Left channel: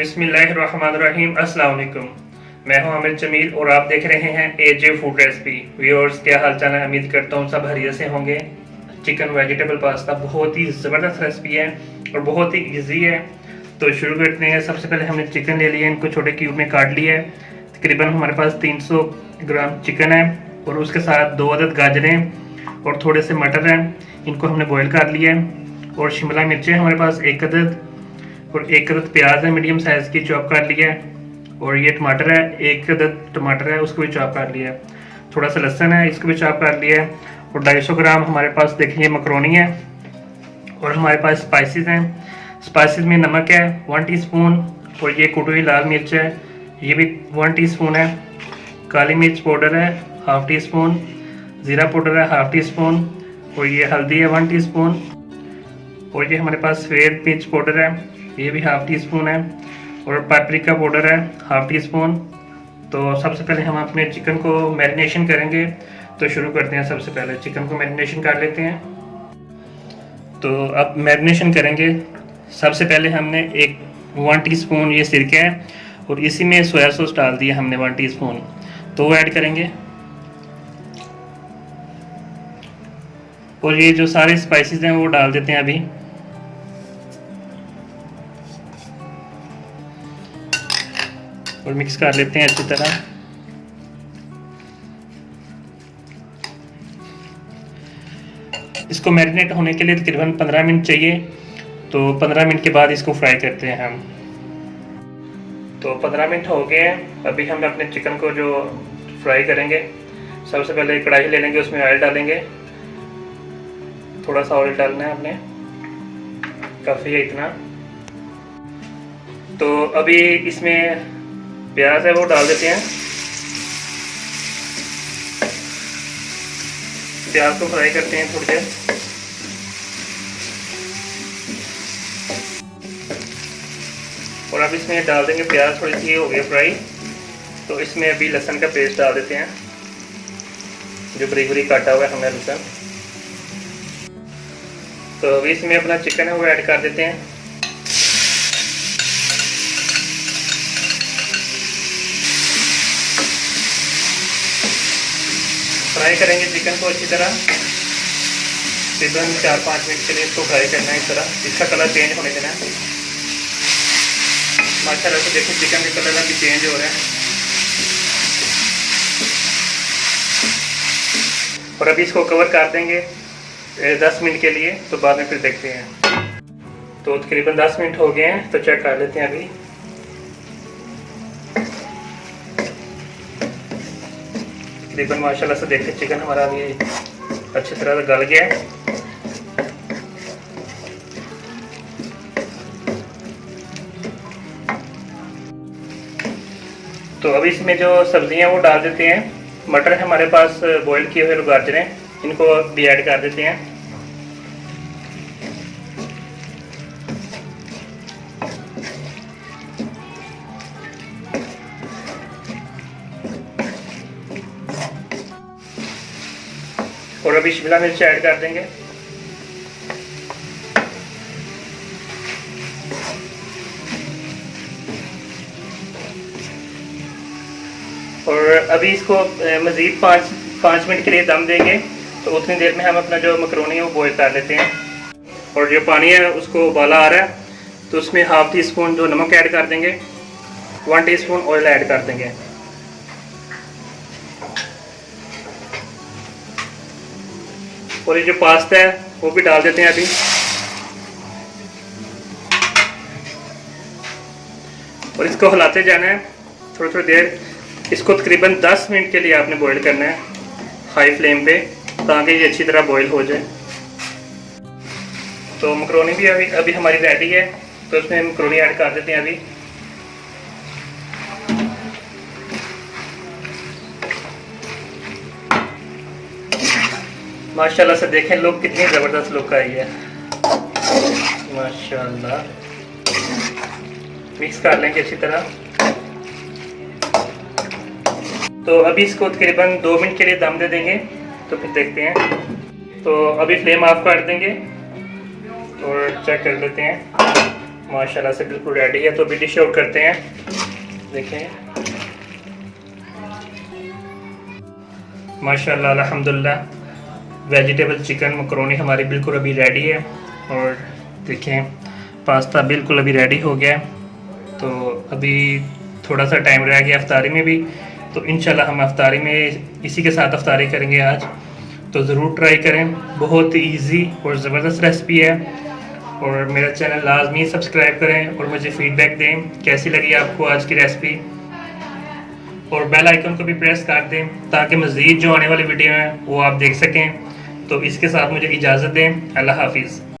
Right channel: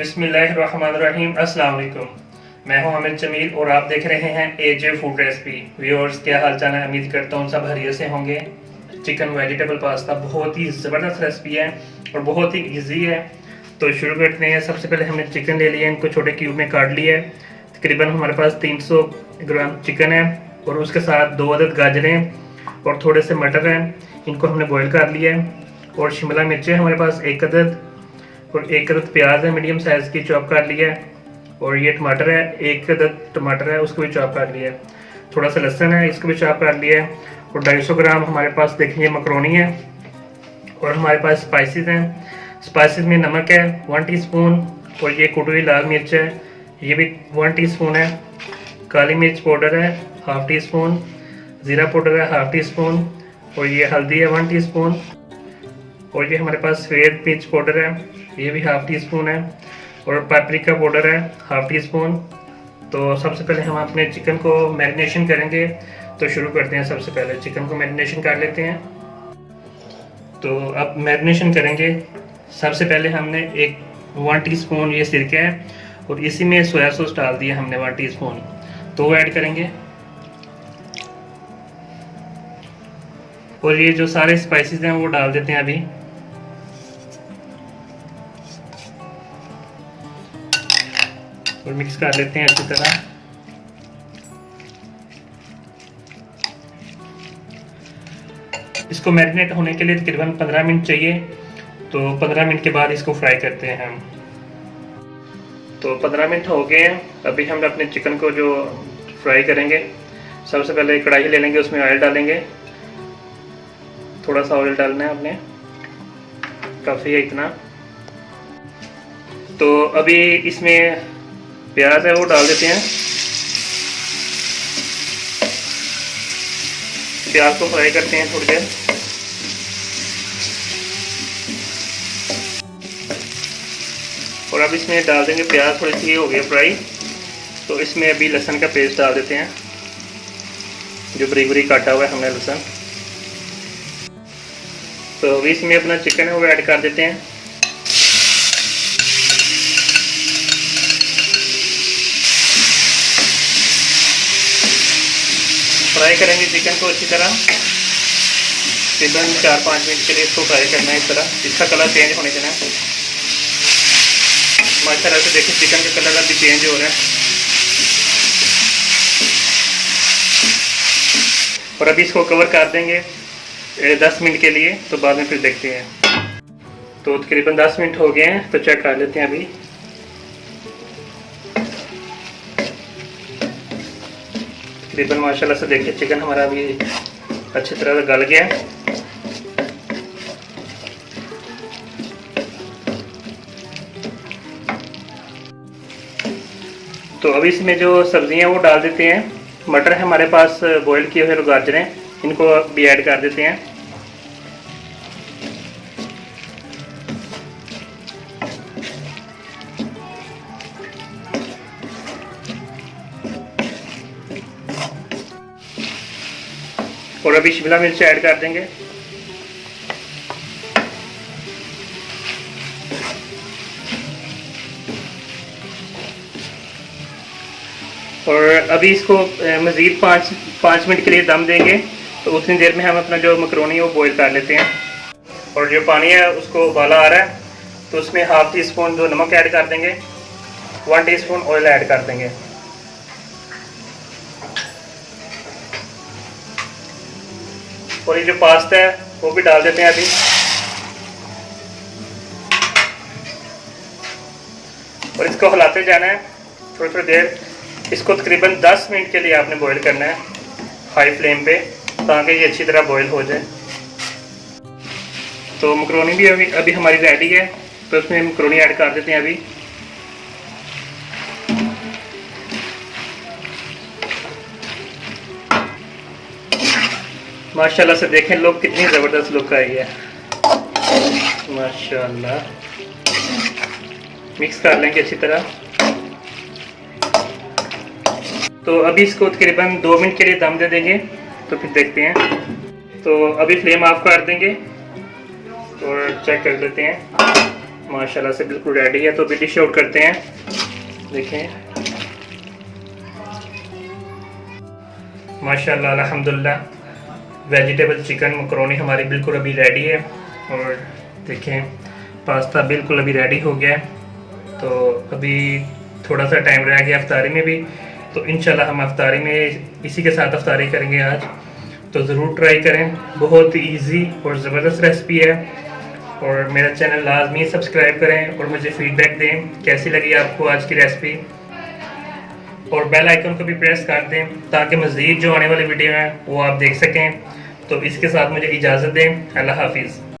बिस्मिल्लाहिर्रहमानिर्रहीम। अस्सलाम वालेकुम। मैं हूं अमित जमील और आप देख रहे हैं एजे फूड रेसिपी। व्यूअर्स, क्या हाल चाल है? उम्मीद करता हूं सब हरिया से होंगे। चिकन वेजिटेबल पास्ता बहुत ही ज़बरदस्त रेसिपी है और बहुत ही इजी है। तो शुरू करते हैं। सबसे पहले हमने चिकन ले लिया, इनको छोटे क्यूब में काट लिया है। तकरीबन हमारे पास 300 ग्राम चिकन है और उसके साथ 2 अदद गाजरें और थोड़े से मटर हैं, इनको हमने बॉईल कर लिया है। और शिमला मिर्चें हमारे पास 1 अदद और 1 अदद प्याज है मीडियम साइज़ की, चॉप कर लिया है। और ये टमाटर है, 1 अदद टमाटर है, उसको भी चॉप कर लिया है। थोड़ा सा लहसुन है, इसको भी चॉप कर लिया है। और 250 ग्राम हमारे पास देखिए मकरोनी है। और हमारे पास स्पाइसेस हैं। स्पाइसेस में नमक है 1 टीस्पून और ये कुटी हुई लाल मिर्च है, ये भी 1 टीस्पून है। काली मिर्च पाउडर है 1/2 टीस्पून। ज़ीरा पाउडर है 1/2 टीस्पून। और ये हल्दी है 1 टीस्पून। और ये हमारे पास सफ़ेद मिर्च पाउडर है, ये भी 1/2 टीस्पून है। और पापरिका पाउडर है 1/2 टीस्पून। तो सबसे पहले हम अपने चिकन को मैरिनेशन करेंगे, तो शुरू करते हैं। सबसे पहले चिकन को मैरिनेशन कर लेते हैं। तो अब मैरिनेशन करेंगे। सबसे पहले हमने 1 टीस्पून ये सिरका है और इसी में सोया सॉस डाल दिया हमने 1 टीस्पून, तो वो ऐड करेंगे। और ये जो सारे स्पाइसेस हैं वो डाल देते हैं अभी। और मिक्स कर लेते हैं अच्छी तरह। इसको मैरिनेट होने के लिए तकरीबन 15 मिनट चाहिए, तो 15 मिनट के बाद इसको फ्राई करते हैं हम। तो 15 मिनट हो गए हैं। अभी हम अपने चिकन को जो फ्राई करेंगे, सबसे पहले कढ़ाई ले लेंगे, उसमें ऑयल डालेंगे। थोड़ा सा ऑयल डालना है आपने, काफ़ी है इतना। तो अभी इसमें प्याज है वो डाल देते हैं। प्याज को फ्राई करते हैं थोड़ी देर। और अब इसमें डाल देंगे प्याज, थोड़ी सी हो गई फ्राई, तो इसमें अभी लहसुन का पेस्ट डाल देते हैं, जो बरीक बरीक काटा हुआ है हमने लहसुन। तो अभी इसमें अपना चिकन है वो ऐड कर देते हैं। फ्राई करेंगे चिकन को अच्छी तरह, तकरीबन 4-5 मिनट के लिए इसको फ्राई करना है। इस तरह इसका कलर चेंज होने देना है। माशाल्लाह से देखिए चिकन का कलर अभी चेंज हो रहा है। और अभी इसको कवर कर देंगे 10 मिनट के लिए, तो बाद में फिर देखते हैं। तो तकरीबन 10 मिनट हो गए हैं, तो चेक कर लेते हैं अभी। तकरीबन माशाल्लाह से देखिए चिकन हमारा अभी अच्छी तरह से गल गया है। तो अभी इसमें जो सब्जियां वो डाल देते हैं। मटर है हमारे पास बॉईल किए हुए गाजरें, इनको भी ऐड कर देते हैं। और अभी शिमला मिर्च ऐड कर देंगे। और अभी इसको मज़ीद 5 मिनट के लिए दम देंगे। तो उतनी देर में हम अपना जो मकरोनी है वो बॉईल कर लेते हैं। और जो पानी है उसको उबाला आ रहा है, तो उसमें 1/2 टीस्पून जो नमक ऐड कर देंगे, 1 टीस्पून ऑयल ऐड कर देंगे। और ये जो पास्ता है वो भी डाल देते हैं अभी। और इसको हिलाते जाना है थोड़ी थोड़ी देर। इसको तकरीबन 10 मिनट के लिए आपने बॉईल करना है हाई फ्लेम पे, ताकि ये अच्छी तरह बॉईल हो जाए। तो मकरोनी भी अभी हमारी रेडी है, तो उसमें मकरोनी ऐड कर देते हैं अभी। माशाल्लाह से देखें लोग कितनी ज़बरदस्त लुक आई है माशाल्लाह। मिक्स कर लेंगे अच्छी तरह। तो अभी इसको तकरीबन 2 मिनट के लिए दम दे देंगे, तो फिर देखते हैं। तो अभी फ्लेम ऑफ कर देंगे और चेक कर लेते हैं। माशाल्लाह से बिल्कुल रेडी है। तो अभी डिश आउट करते हैं। देखें माशाल्लाह अल्हम्दुलिल्लाह वेजिटेबल चिकन मकरोनी हमारी बिल्कुल अभी रेडी है। और देखें पास्ता बिल्कुल अभी रेडी हो गया है। तो अभी थोड़ा सा टाइम रह गया अफ्तारी में भी, तो इंशाल्लाह हम अफ्तारी में इसी के साथ अफ्तारी करेंगे आज। तो ज़रूर ट्राई करें, बहुत इजी और ज़बरदस्त रेसिपी है। और मेरा चैनल लाजमी सब्सक्राइब करें और मुझे फीडबैक दें कैसी लगी आपको आज की रेसिपी। और बेल आइकन को भी प्रेस कर दें ताकि मज़ीद जो आने वाली वीडियो हैं वो आप देख सकें। तो इसके साथ मुझे इजाज़त दें। अल्लाह हाफिज़।